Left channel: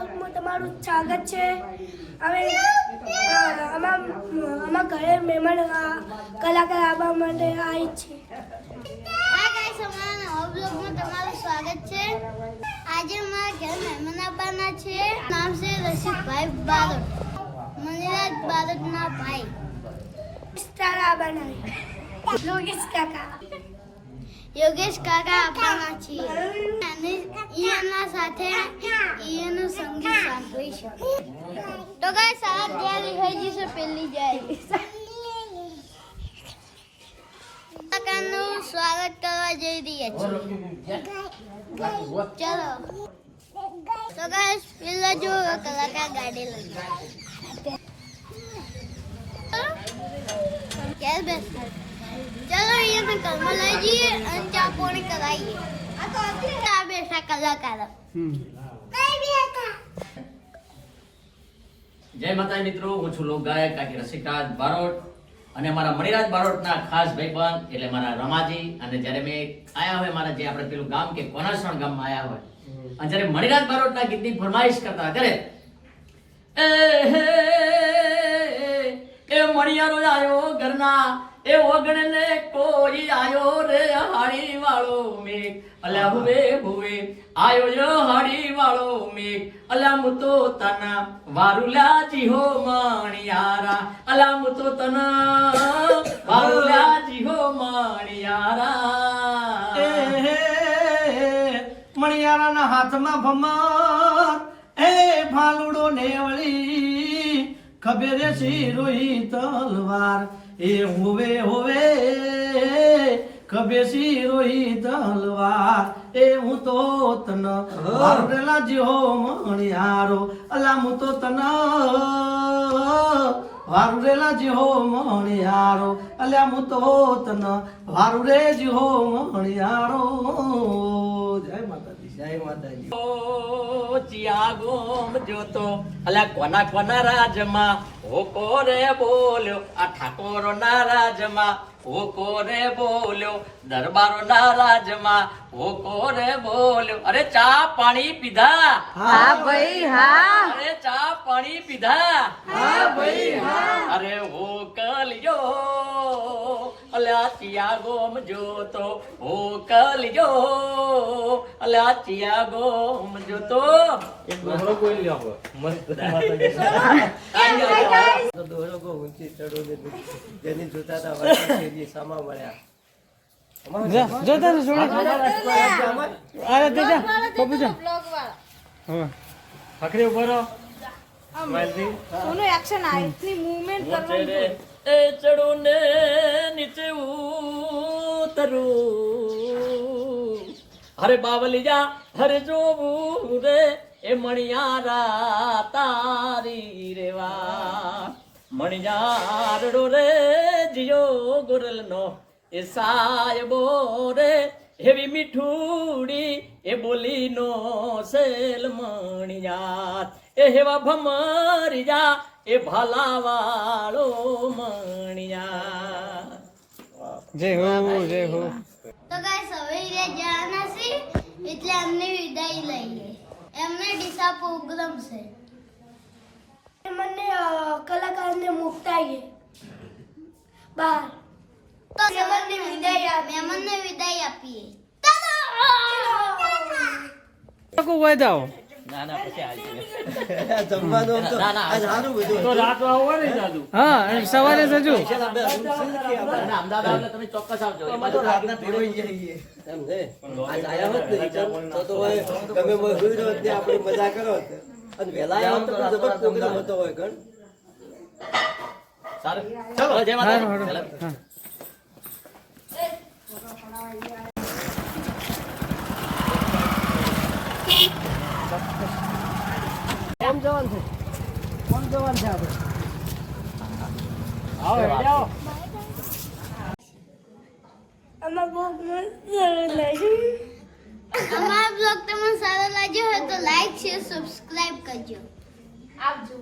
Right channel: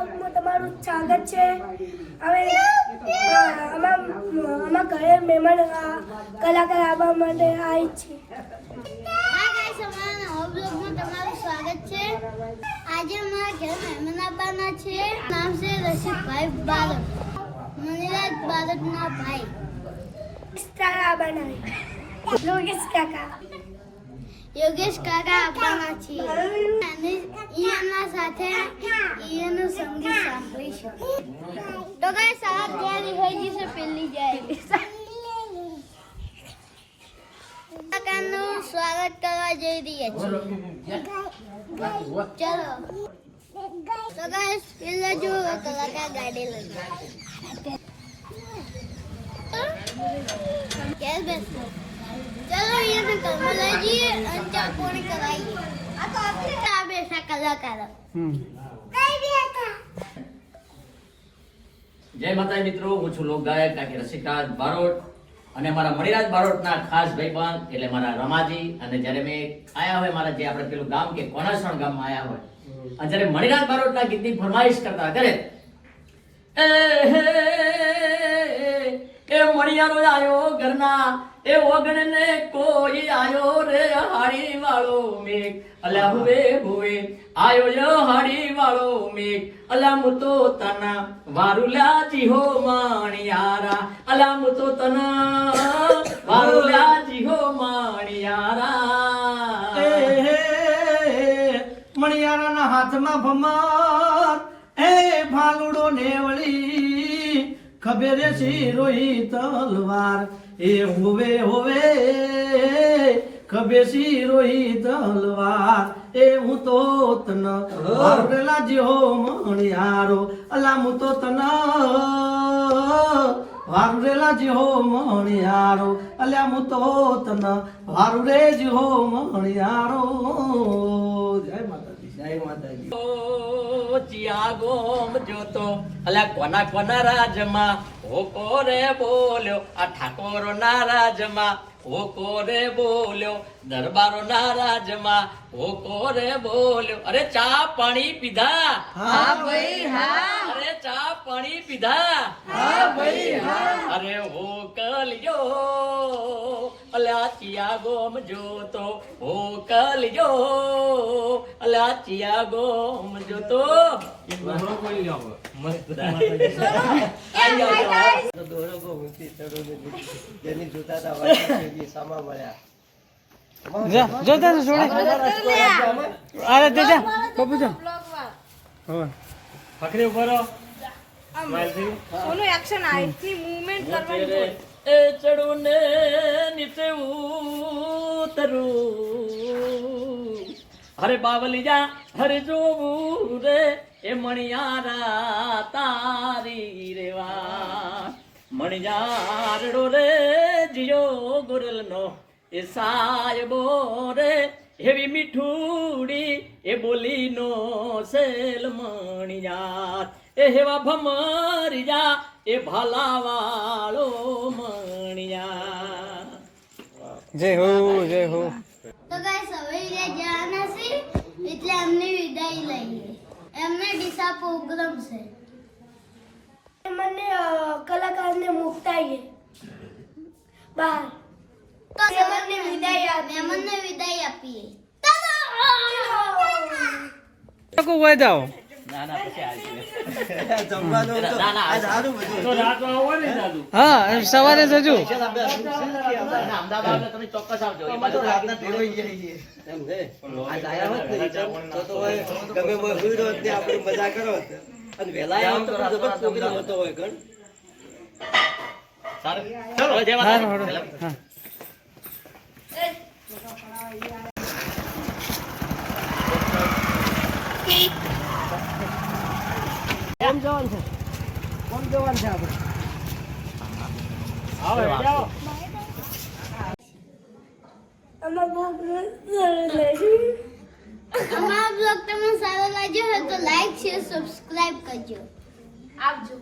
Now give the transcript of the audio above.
બ્લોગમાં તમારું સ્વાગત છે. હવે અમારા ઘરે મહેમાન કલાકાર આવવા માટે આવી છે. હા ગાઈસ, અમારા બ્લોગમાં તમારું સ્વાગત છે. આજે અમારા ઘરે મહેમાન આવવાના છે. નામ છે રશીદભાઈ બારડ, મણિરાજ બારડના ભાઈ. તારા બનાવી યોગેશ કાકા આવવાના છે અને એના સાથે એનું સંગીત સાંભળીશું. તો ગાઈસ, આ તૈયારી થઈ ગઈ છે. પેલી જાય કાકાનું સ્વાગત કરવા જઈ રહ્યા છીએ. ચલો તો ગાઈસ, પેલા જો કલાકાર ગાડી લઈ ચલો અહીંયા ઘરમાં લઈ જઈએ અને ચા પાણી કરાવીએ. આ બેઠા કલાકારો. જય માતાજી મિત્રો, હું છું લોક ગાયક કાકી રસિકરાજ બારોટ અને મારા મણિરાજ બારોટના ખાસ ભાઈબંધ એટલે મારા રમાજી. અને જ્યારે મેં આયા હોય મારા જે આપણે પેલું ગામ કે કોનાસણ ગામમાં આયા હોય અને જ્યારે મણિરાજ બારોટના ગીતની ફરમાઈશ કરતા ત્યારે એ મણિયારો આયો ઘરના એ ઓગણને કોઈ આયો રે હાડી વાળો મેઘ અલ્યા હુવે હુવે આયો યો હાડી વાળો મેઘ અલ્યા મુતો તના વારુલા જીહો માણિયારા અલ્યા મુતો તના વારુલા જીહો માણિયારા મણિયારાના હાથમાં ભમાર એ ભાલુડો નેવળી ખબેરે શિરોહી તલવાર એ હોવે હોવે ખબે શિરોહી તલવાર એ હું તો તન વારુલા જીહો મણિયારો અલા હું તો તન વારુલા જીહો મણિયારો અલ્યા હું તો તન વારુરે જીહો મણિયારો. જય માતાજી, જય માતાજી. ચિયા ગોમ જોતો અલ્યા કોના કોના રાજમાં હોકો રે બોલ્યો આ ઠાકોરો ના રાજમાં હોકો રે બોલ્યો દરબારો ના રાજમાં હોકો રે બોલ્યો. અરે ચા પાણી પીધા? હા ભાઈ હા. અરે ચા પાણી પીધા? હા ભાઈ હા. અરે હોકલિયો અલ્યા ચિયા ગોમ જોતો હોકલિયો અલ્યા ચિયા ગોમ જોતો. જોતા તો છોડે અરે દેજા પપ્પુ જા હવે પકડી ઉભો રહો. ઓનો એક્શન આ ઇતની મૂવમેન્ટ તેરે એ ચડું ને નીચે ઉતરું હરે બાવલિયા હરે જોવું રે એ મણિયારા તારી રેવા મણિયારડો રે જીયો ગોરલનો એ સાયબો રે એવી મીઠુડી એ બોલીનો સેલ મણિયાર એ હેવા ભમરિયા એ ભાલાવાળો મણિયાર. જય હો જય હો. તો ગાઈસ, હવે જવાના છે એટલે એમને વિદાય લઈએ. એમને ડીસા પ્રોગ્રામ છે. મને કલાકારને મુકતાઈએ બહાર મહેમાનને વિદાય આપીએ. લોકો વઈ જાઓ. ના ના પછી આવજે. તો રાત આવો ને દાદુ. હા સવારે જજો. અમદાવાદ આવે તમે ચોક્કસ આવજો. એમાં તો રાતના ફેરવાઈ જઈએ એમ છે આજ આયા હોત ને તો ગમે બોલ હોત ને આપણે મજા કરો અને વેલા આવો તો જબરદસ્ત પ્રોગ્રામ હતો હોય ગણ. સારું ચલો જય માતા. હા કોણ જવાન છે આપણે? આવો જાઓ. અમારા અમારો બ્લોગ તમને સારો લાગ્યો હોય તો લાઈક શેર સબસ્ક્રાઇબ કરજો. આવજો.